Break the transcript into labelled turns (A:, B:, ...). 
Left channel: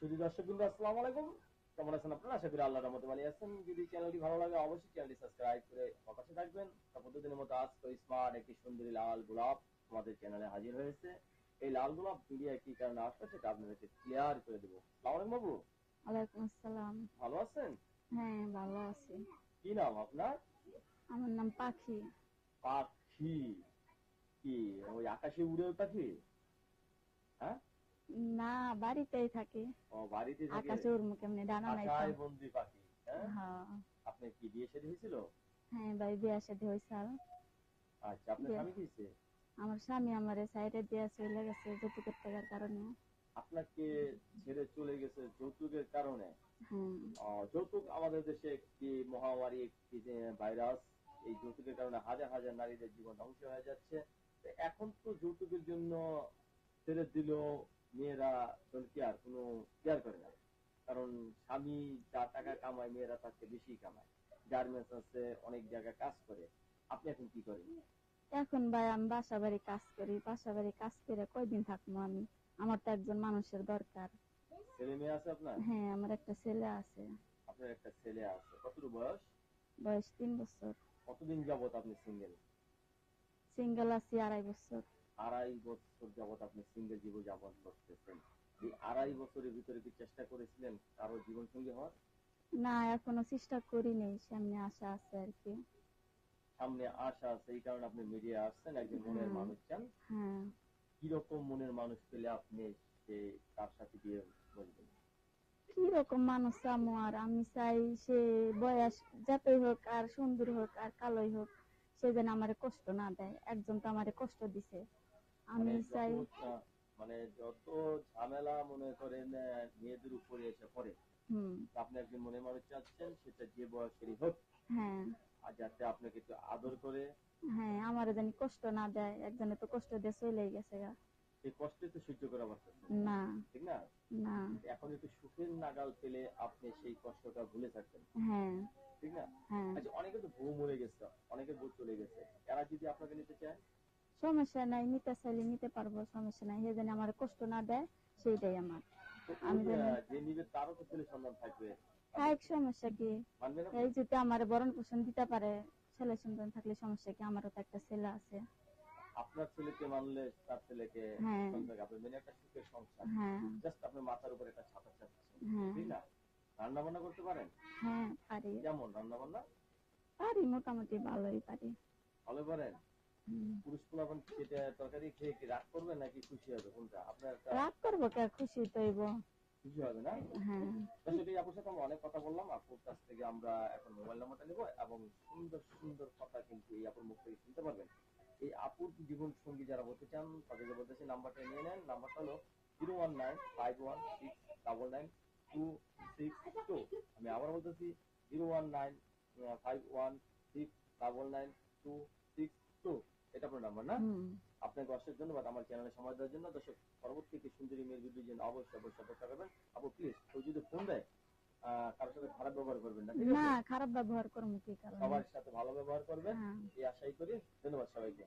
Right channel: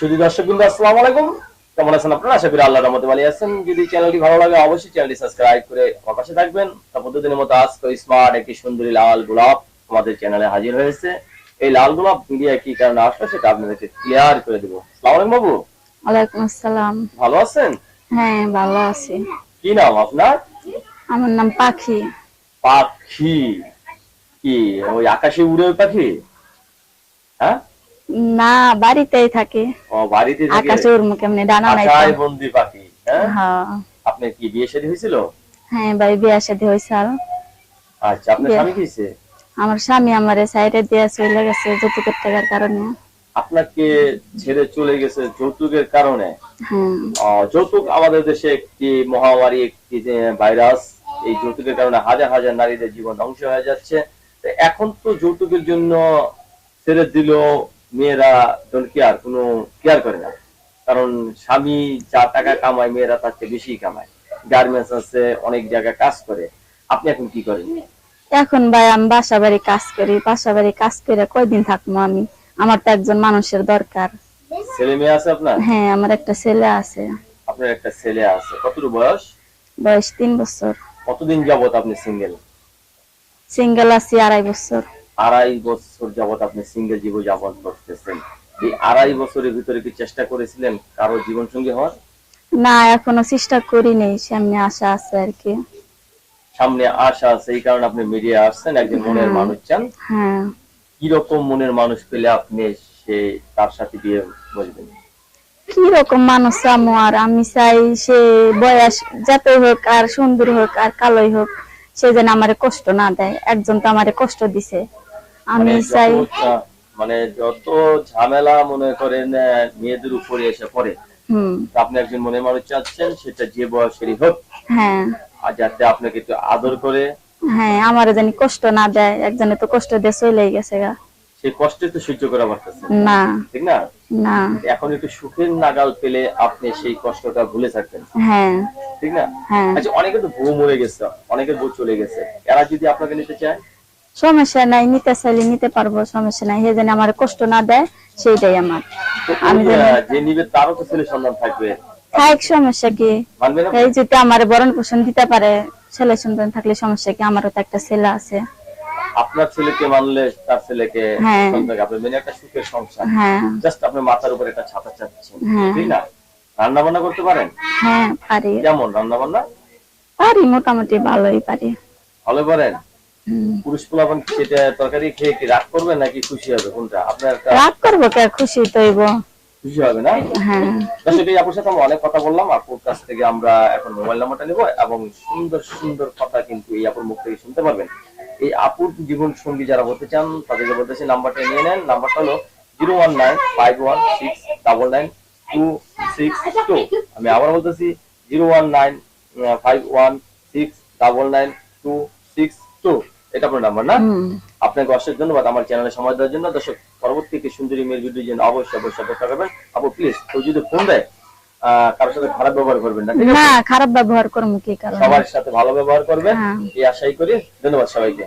A: শুধু দর্শক বিন্দু আসসালামু আলাইকুম। কেমন আছেন আপনারা? আশা করি আল্লাহর রহমতে ভালো আছেন। যদি চ্যানেলটি ভালো লাগে অবশ্যই চ্যানেলটি সাবস্ক্রাইব করে আমার পাশে থাকবেন। তা প্রতিদিনের মতো আজকে স্মার্ট একটি সুন্দরী লাল গোলাপ আমাদের চ্যানেলে হাজির হয়েছে। এই লাল গোলাপ মিডিয়া কি কারণে আসলো সেটা আপনাদেরকে ক্লিয়ার করে দেবো। সালাম আলাইকুম বাবু।
B: ওয়ালাইকুম আসসালাম।
A: ভালো আছেন?
B: হ্যাঁ ভালো আছি।
A: কি নাম আপনার?
B: আমার নাম পাখি।
A: পাখি। কি ওই আকাশে উড়ে ওই পাখি? হ্যাঁ?
B: না বাড়িতেই থাকে।
A: ও বাড়িতে থেকে?
B: আকাশে উড়মু কেমনে ডানা নাই।
A: আকাশে বন্দি পাখি হ্যাঁ?
B: হ্যাঁ।
A: আপনার কি বিয়ে শাদী হয়েছিল?
B: হ্যাঁ ভাই বিয়া শাদী হয়েছে। আর
A: আচ্ছা আপনার স্বামী কিছে
B: আমার স্বামী আমারে সাইডে দিয়ে চলে গেছে যৌতুকের টাকার কারণে।
A: আপনাকে ছেড়ে চলে গেছে যৌতুকের কারণে?
B: হ্যাঁ।
A: যৌতুক আমাদের দেশে একটি মহামারী একটি যে ভাইরাস এই যৌতুকের কারণে হাজার হাজার নারীদের জীবন ধ্বংস হয়ে যাচ্ছে। তো এখন তো যৌতুকের জন্য ছেড়ে দিল মেয়েরা ডোন্ট কেয়ার কোনো কেয়ার করে না। কারণ স্বামী যা টাকা কামায় মেয়েরা তার চেয়ে বেশি কামায়। গার্মেন্টস আছে অনেক জায়গায় কাজ করে। আপনি এখন কি করেন?
B: এখন ভাই আমি বাসা বাড়ি কাজ করি বাসা বাড়ি কাজ করে কয়দিন থাকব আমি? আমার তো একজন মানুষের দরকার।
A: ছেলে মেয়ে আছে আপনার?
B: হ্যাঁ আমার একটা ছেলে আছে।
A: আপনার একটা ছেলে আছে। কতটুকু বয়স?
B: বয়স তিন বছর।
A: কতদিন যাবত আপনি সিঙ্গেল
B: সিঙ্গেল আছি আড়াই বছর।
A: আড়াই বছর যাবত আপনি সিঙ্গেল জীবন যাপন করতেছেন। এই আড়াই বছরের ভিতরে কি চেষ্টা করেছিলেন কারও জীবন সঙ্গী হওয়ার?
B: না এখনও চেষ্টা করি নেই সামনে আশা আছে আর কি।
A: সামনে আশা আছে এই কারণে আপনি মিডিয়া আসছেন একজন মনের মানুষ চান।
B: হ্যাঁ।
A: কীরকম মনের মানুষ পেলে আপনি সে তার সাথে বিয়ে বসবেন?
B: কি রকম মানুষ আমু আর আমি চাই সে বয়স যতই হোক আর সুন্দর হোক আর কালোই হোক সে যেন আমারে কষ্ট না দেয়। একজন তো আমারে কষ্ট দিছে। আমি
A: মানে
B: চাই
A: যত মানে যত ঝামেলা মনে করেন মেয়েদের উপরে এসে পড়ে আপনি একজন মনের মানুষ চাচ্ছেন সেটা যে বয়সেরই হোক
B: হ্যাঁ।
A: আর যাতে আপনাকে একটু আদর করে।
B: হ্যাঁ আমারে জানি কষ্ট না দেয় একজনে তো কষ্ট দিয়ে চলে গেছে গা।
A: সেই কষ্টে তো সহ্য করা পারতেছেন
B: না।
A: ঠিক না?
B: না।
A: এখন একটু সুখের নাগাল পেলে আপনি সেই কষ্টটা ভুলে থাকবেন।
B: হ্যাঁ।
A: ঠিক না?
B: হ্যাঁ।
A: আচ্ছা অনেকে তো বউ মরে গেছে অনেকের বউ চলে গেছে। এরা যদি আপনাকে নিতে চায়
B: সমস্যা নাই নিতে চাইলে নিতে পারব সমস্যা নাই। সে যেন আমার কষ্ট না দেয় সেইটাই আমার। আমি
A: ওই,
B: জানি।
A: আহ, যে নিবে তারও তো ছেলে সন্তান থাকবে।
B: থাক সমস্যা কি? এই যদি আমার বরণ পোষণ দিতে পারে ছেলে সন্তান থাকলে সমস্যা কি? আমারও তো একটা ছেলে আছে।
A: আপনার ছেলেকে মানলে তার ছেলেকে
B: হ্যাঁ।
A: আপনি মেনে একটা সুখের সংসার।
B: হ্যাঁ।
A: জাস্ট মাথার উপর একটা ছাতা চাচ্ছেন
B: হ্যাঁ।
A: ঠিক না? রান্না বান্না করতে পারেন?
B: হ্যাঁ পারি।
A: কেমন রান্না বান্না
B: পারি মোটামুটি ভালোই পারি।
A: ভালো পারেন। পুরুষ পোলাপান সেটা তরকারি খেয়ে কি রাগ করবেন নাকি খুশি হবে? কোনটা? আপনার
B: রাগ করব কে? খুশি তৈব
A: খুশি হবে না?
B: হ্যাঁ।
A: দর্শক আপুর সাথে আমরা অনেক কথা বললাম। আপুর কাছ থেকে আমরা এখন মোবাইল নাম্বারটা নেব এবং সুন্দর সুন্দর কথা কিন্তু এই আপুর মুখ থেকে শুনতে পারবেন। এই আপুর জীবন সঙ্গী যারা হতে চান তাদেরকে বলতেছি নাম্বারটা নিয়ে নেন। নাম্বারটা হলো zero one nine five one six double nine two six two. আমি আবার বলতেছি zero one nine five one six double nine two six two. এটা আপনার নাম্বার না? আপনাকে অসংখ্য ধন্যবাদ আমার চ্যানেলে সময় দেওয়ার জন্য। দর্শক পরবর্তী একটি সুন্দরী মেয়ের ভিডিও জন্য অবশ্যই অবশ্যই অপেক্ষা করবেন। আপু প্লিজ কেউ যদি ফোন দেয় আহ, কারোর সাথে খারাপ ব্যবহার করবেন না
B: না খারাপ ব্যবহার করব কি কারণ?
A: সবার সাথে ভালো ব্যবহার করবেন।
B: হ্যাঁ।
A: এই আশাই করি। ধন্যবাদ সবাইকে।